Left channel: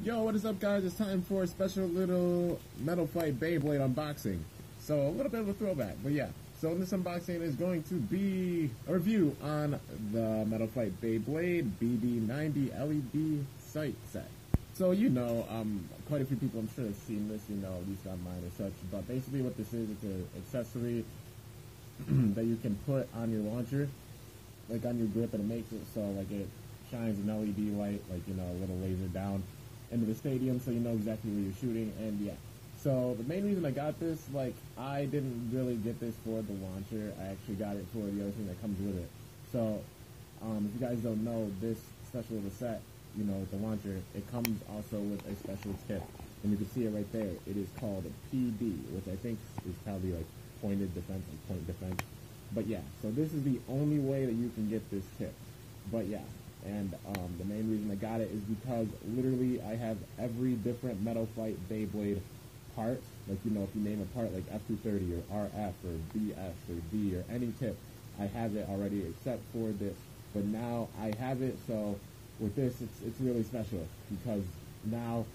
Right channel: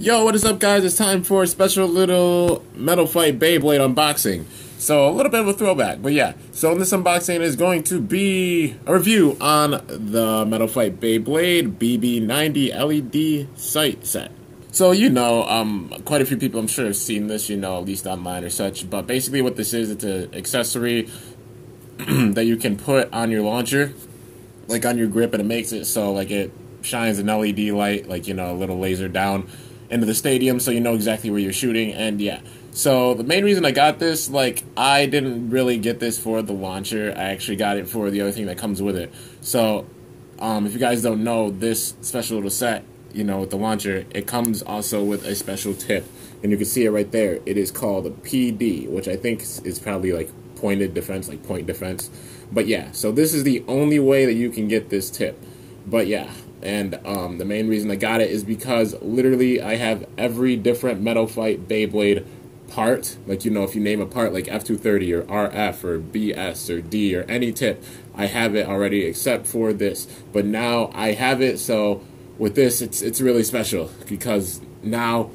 Yo, what is up, guys? It's time for a special little Metal Fight Beyblade unboxing. So, a little bit of a throwback, but yeah. So, in this unboxing is going to be a review on the Metal Fight Beyblade BB90 LED sight set. So, quite a few people I'm sure have seen this, at least online or such. But basically what this is, it's an accessory that you can put on your launcher, like on your grip, and it makes it so, like, it shines an LED light, like, a little laser down into the stadium so you know exactly where you're shooting. And yeah, so the main reason I got this, like, I didn't really get this for the launcher. I actually got it for the other thing that comes with it. So if you guys don't know, this special little set, with the launcher, it comes also with a special tip, and you can see it right there. It is called a PD, which I think is probably like pointed defense, like point defense. But yeah, so this is the only way that you can get this tip. But yeah, and the main reason I got it is because literally I have every different Metal Fight Beyblade part. Like, if you name a part like F230 or RF or BS or D or any tip, I have it already except for this. But now I have it, so with this, it's really special because now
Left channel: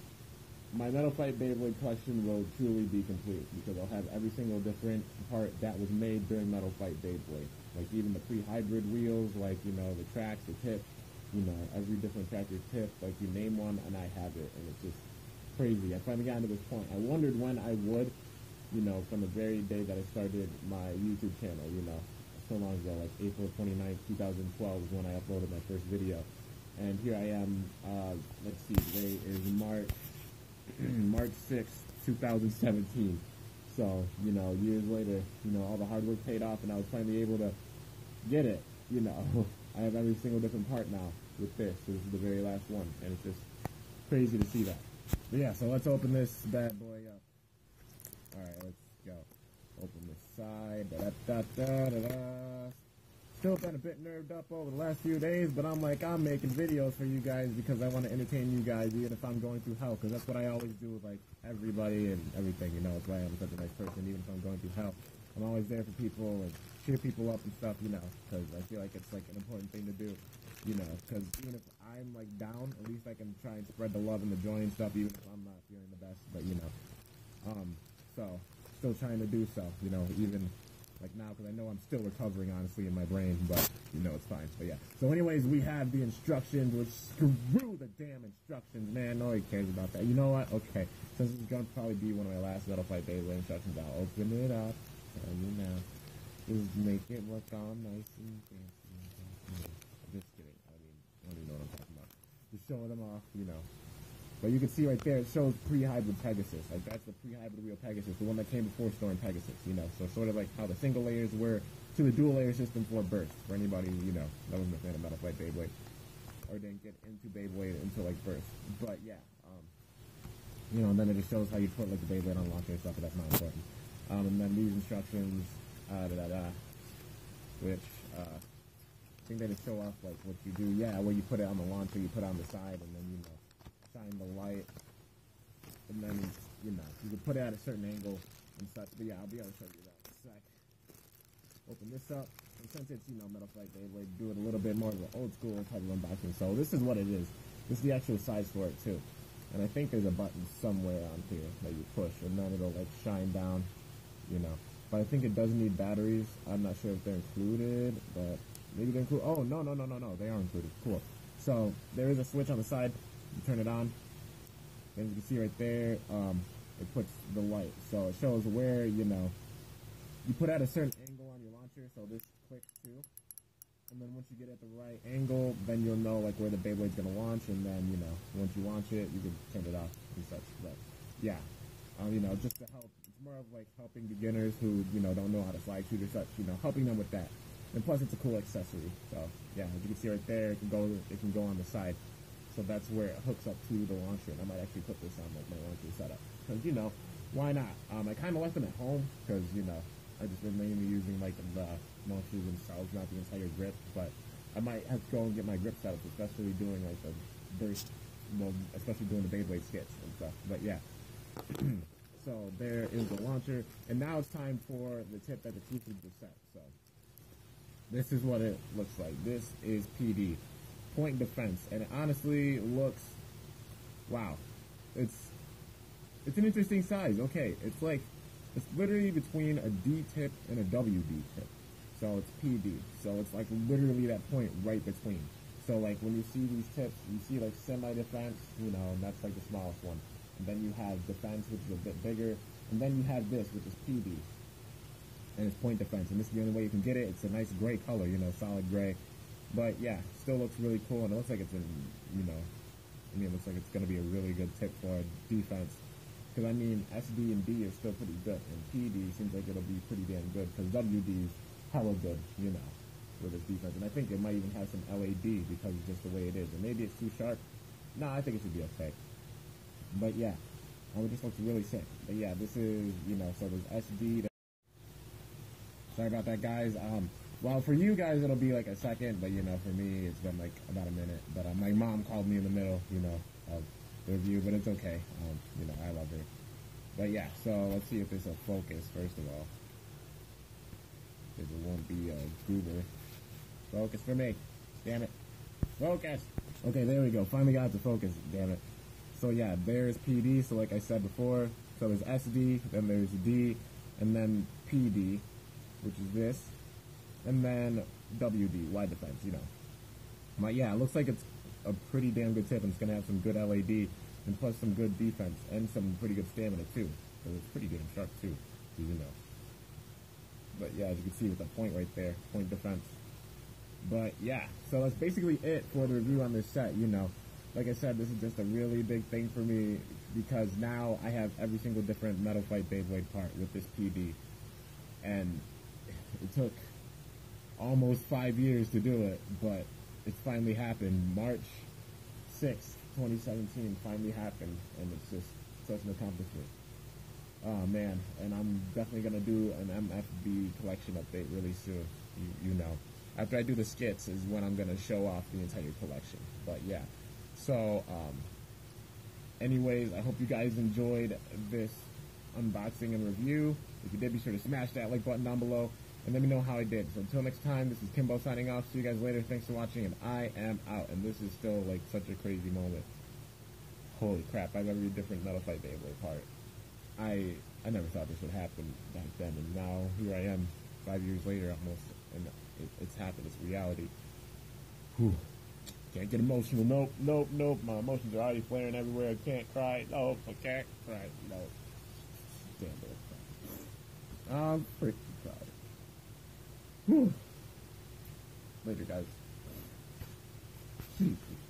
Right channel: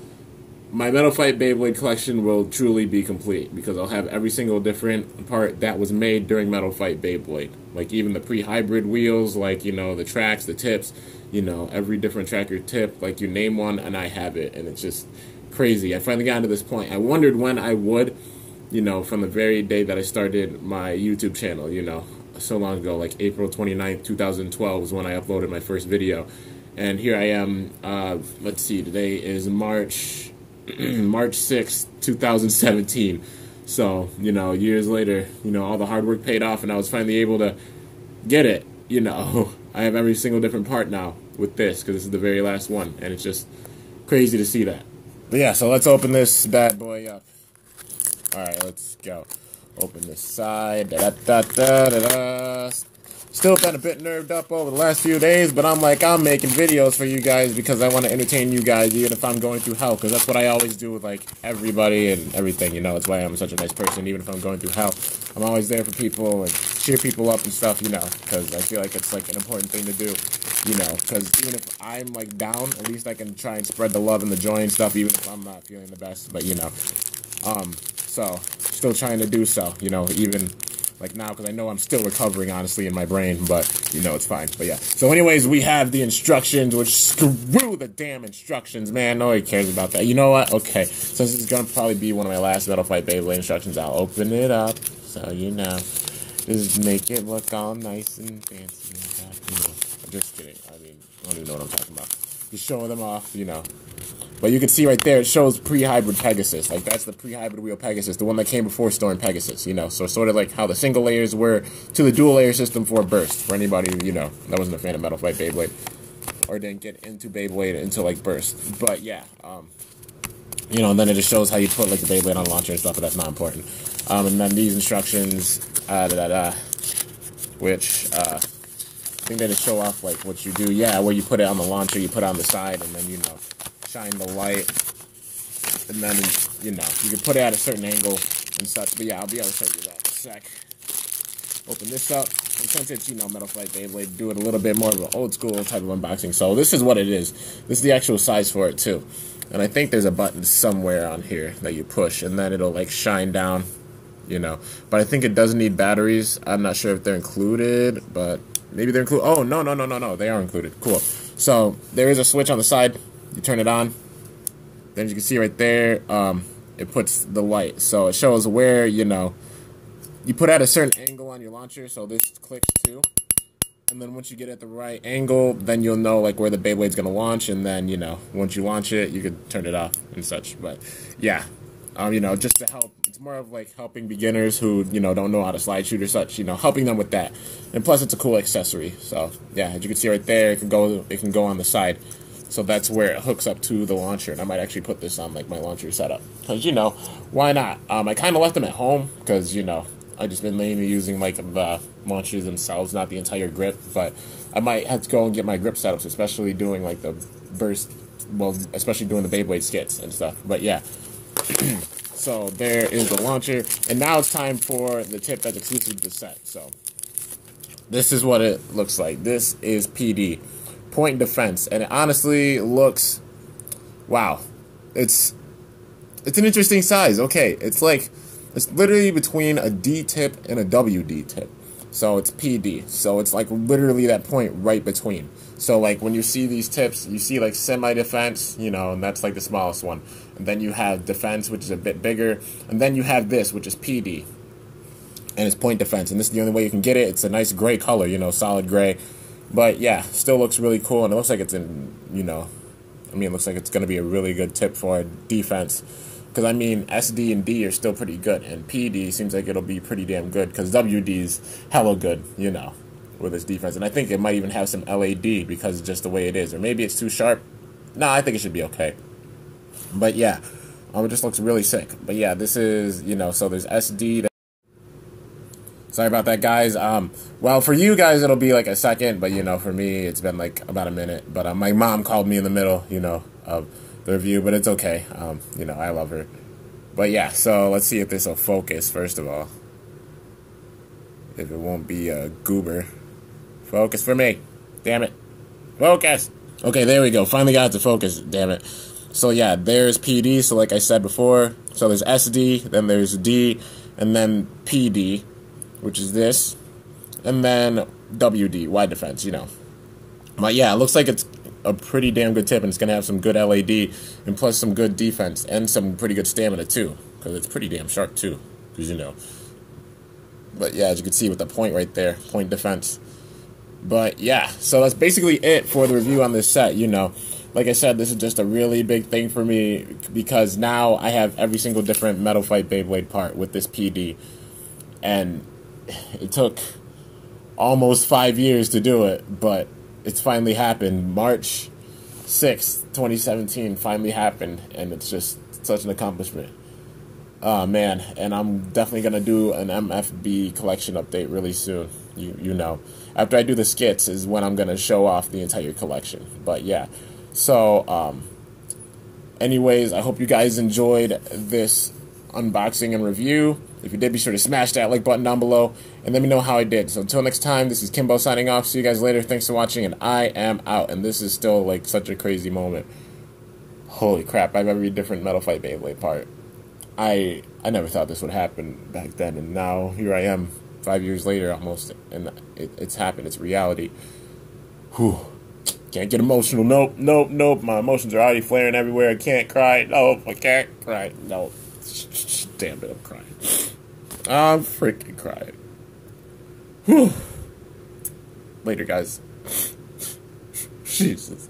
my Metal Fight Beyblade collection will truly be complete because I'll have every single different part that was made during Metal Fight Beyblade. Like even the pre-hybrid wheels, like, the tracks, the tips, every different tracker tip, like you name one and I have it, and it's just crazy. I finally got to this point. I wondered when I would, from the very day that I started my YouTube channel, so long ago, like April 29th, 2012 was when I uploaded my first video. And here I am, let's see, today is March 6th, 2017. So, years later, all the hard work paid off and I was finally able to get it, I have every single different part now with this because this is the very last one, and it's just crazy to see that. But yeah, so let's open this bad boy up. Alright, let's go. Open this side. Da-da-da-da-da-da. Still been a bit nerved up over the last few days, but I'm making videos for you guys because I want to entertain you guys even if I'm going through hell, because that's what I always do with, like, everybody and everything, That's why I'm such a nice person. Even if I'm going through hell, I'm always there for people and cheer people up and stuff, because I feel like it's, like, an important thing to do, because even if I'm, like, down, at least I can try and spread the love and the joy and stuff, even if I'm not feeling the best, but, so, still trying to do so, even like now, because I know I'm still recovering, honestly, in my brain, but, it's fine. But yeah. So anyways, we have the instructions, which screw the damn instructions, man. Nobody cares about that. You know what? Okay. Since this is going to probably be one of my last Metal Fight Beyblade instructions, I'll open it up. So, just make it look all nice and fancy and stuff, I'm just kidding. I mean, I don't even know what I'm talking about. Just showing them off, But you can see right there, it shows pre-hybrid Pegasus. Like, that's the pre-hybrid wheel Pegasus, the one that came before Storm Pegasus, So sort of like how the single layers were to the dual layer system for Burst. For anybody, that wasn't a fan of Metal Fight Beyblade or didn't get into Beyblade until, like, Burst. But, yeah, and then it just shows how you put, like, the Beyblade on launcher and stuff, but that's not important. And then these instructions, which, I think they just show off, like, what you do. Yeah, where you put it on the launcher, you put it on the side, and then, shine the light, and then, you can put it at a certain angle and such, but yeah, I'll be able to show you that in a sec. Open this up, and since it's, Metal Fight Beyblade, do it a little bit more of an old school type of unboxing. So this is what it is. This is the actual size for it, too. And I think there's a button somewhere on here that you push, and then it'll, like, shine down, But I think it does need batteries. I'm not sure if they're included, but maybe they're included. Oh, no, they are included. Cool. So there is a switch on the side. You turn it on, then you can see right there, it puts the light. So it shows where, you put at a certain angle on your launcher, so this clicks too. And then once you get at the right angle, then you'll know, like, where the Beyblade's going to launch, and then, once you launch it, you can turn it off and such. But, yeah, just to help. It's more of, like, helping beginners who, don't know how to slide shoot or such, helping them with that. And plus, it's a cool accessory. So, yeah, as you can see right there, it can go on the side. So that's where it hooks up to the launcher, and I might actually put this on, like, my launcher setup, because, why not? I kind of left them at home, because, I just been mainly using, like, the launchers themselves, not the entire grip, but I might have to go and get my grip setups, especially doing, like, the burst, well, especially doing the Beyblade skits and stuff, but yeah. So there is the launcher, and now it's time for the tip that's exclusive to the set. So this is what it looks like. This is PD. Point defense, and it honestly looks, wow, it's an interesting size. Okay, it's literally between a D tip and a WD tip. So it's PD. So it's like literally that point right between. So like when you see these tips, you see like semi-defense, you know, and that's like the smallest one. And then you have defense, which is a bit bigger. And then you have this, which is PD. And it's point defense. And this is the only way you can get it. It's a nice gray color, you know, solid gray. But yeah, still looks really cool. And it looks like it's in, you know, I mean, it looks like it's going to be a really good tip for defense. Because, I mean, SD and D are still pretty good. And PD seems like it'll be pretty damn good. Because WD's hella good, you know, with its defense. And I think it might even have some LAD because of just the way it is. Or maybe it's too sharp. No, I think it should be okay. But, yeah, it just looks really sick. But, yeah, this is, you know, so there's SD. Sorry about that, guys. Well, for you guys, it'll be like a second. But, you know, for me, it's been like about a minute. But my mom called me in the middle, you know, of the review, but it's okay. You know, I love her. But yeah, so let's see if this will focus, first of all. If it won't be a goober. Focus for me. Damn it. Focus! Okay, there we go. Finally got it to focus, damn it. So yeah, there's PD, so like I said before. So there's SD, then there's D, and then PD, which is this. And then WD, wide defense, you know. But yeah, it looks like it's a pretty damn good tip, and it's going to have some good LAD, and plus some good defense, and some pretty good stamina, too, because it's pretty damn sharp, too, because, you know. But, yeah, as you can see with the point right there, point defense. But, yeah, so that's basically it for the review on this set, you know. Like I said, this is just a really big thing for me, because now I have every single different Metal Fight Beyblade part with this PD, and it took almost 5 years to do it, but it's finally happened. March 6th, 2017 finally happened, and it's just such an accomplishment. Oh, man, and I'm definitely going to do an MFB collection update really soon, you know. After I do the skits is when I'm going to show off the entire collection. But, yeah. So, anyways, I hope you guys enjoyed this unboxing and review. If you did, be sure to smash that like button down below and let me know how I did. So until next time, this is Kimbo signing off. See you guys later. Thanks for watching, and I am out. And this is still like such a crazy moment. Holy crap, I have every different Metal Fight Beyblade part. I never thought this would happen back then, and now here I am 5 years later almost, and it's happened. It's reality. Whew. Can't get emotional. Nope. My emotions are already flaring everywhere. I can't cry. Nope, I can't cry. Nope. Damn it, I'm crying. I'm freaking crying. Whew. Later, guys. Jesus.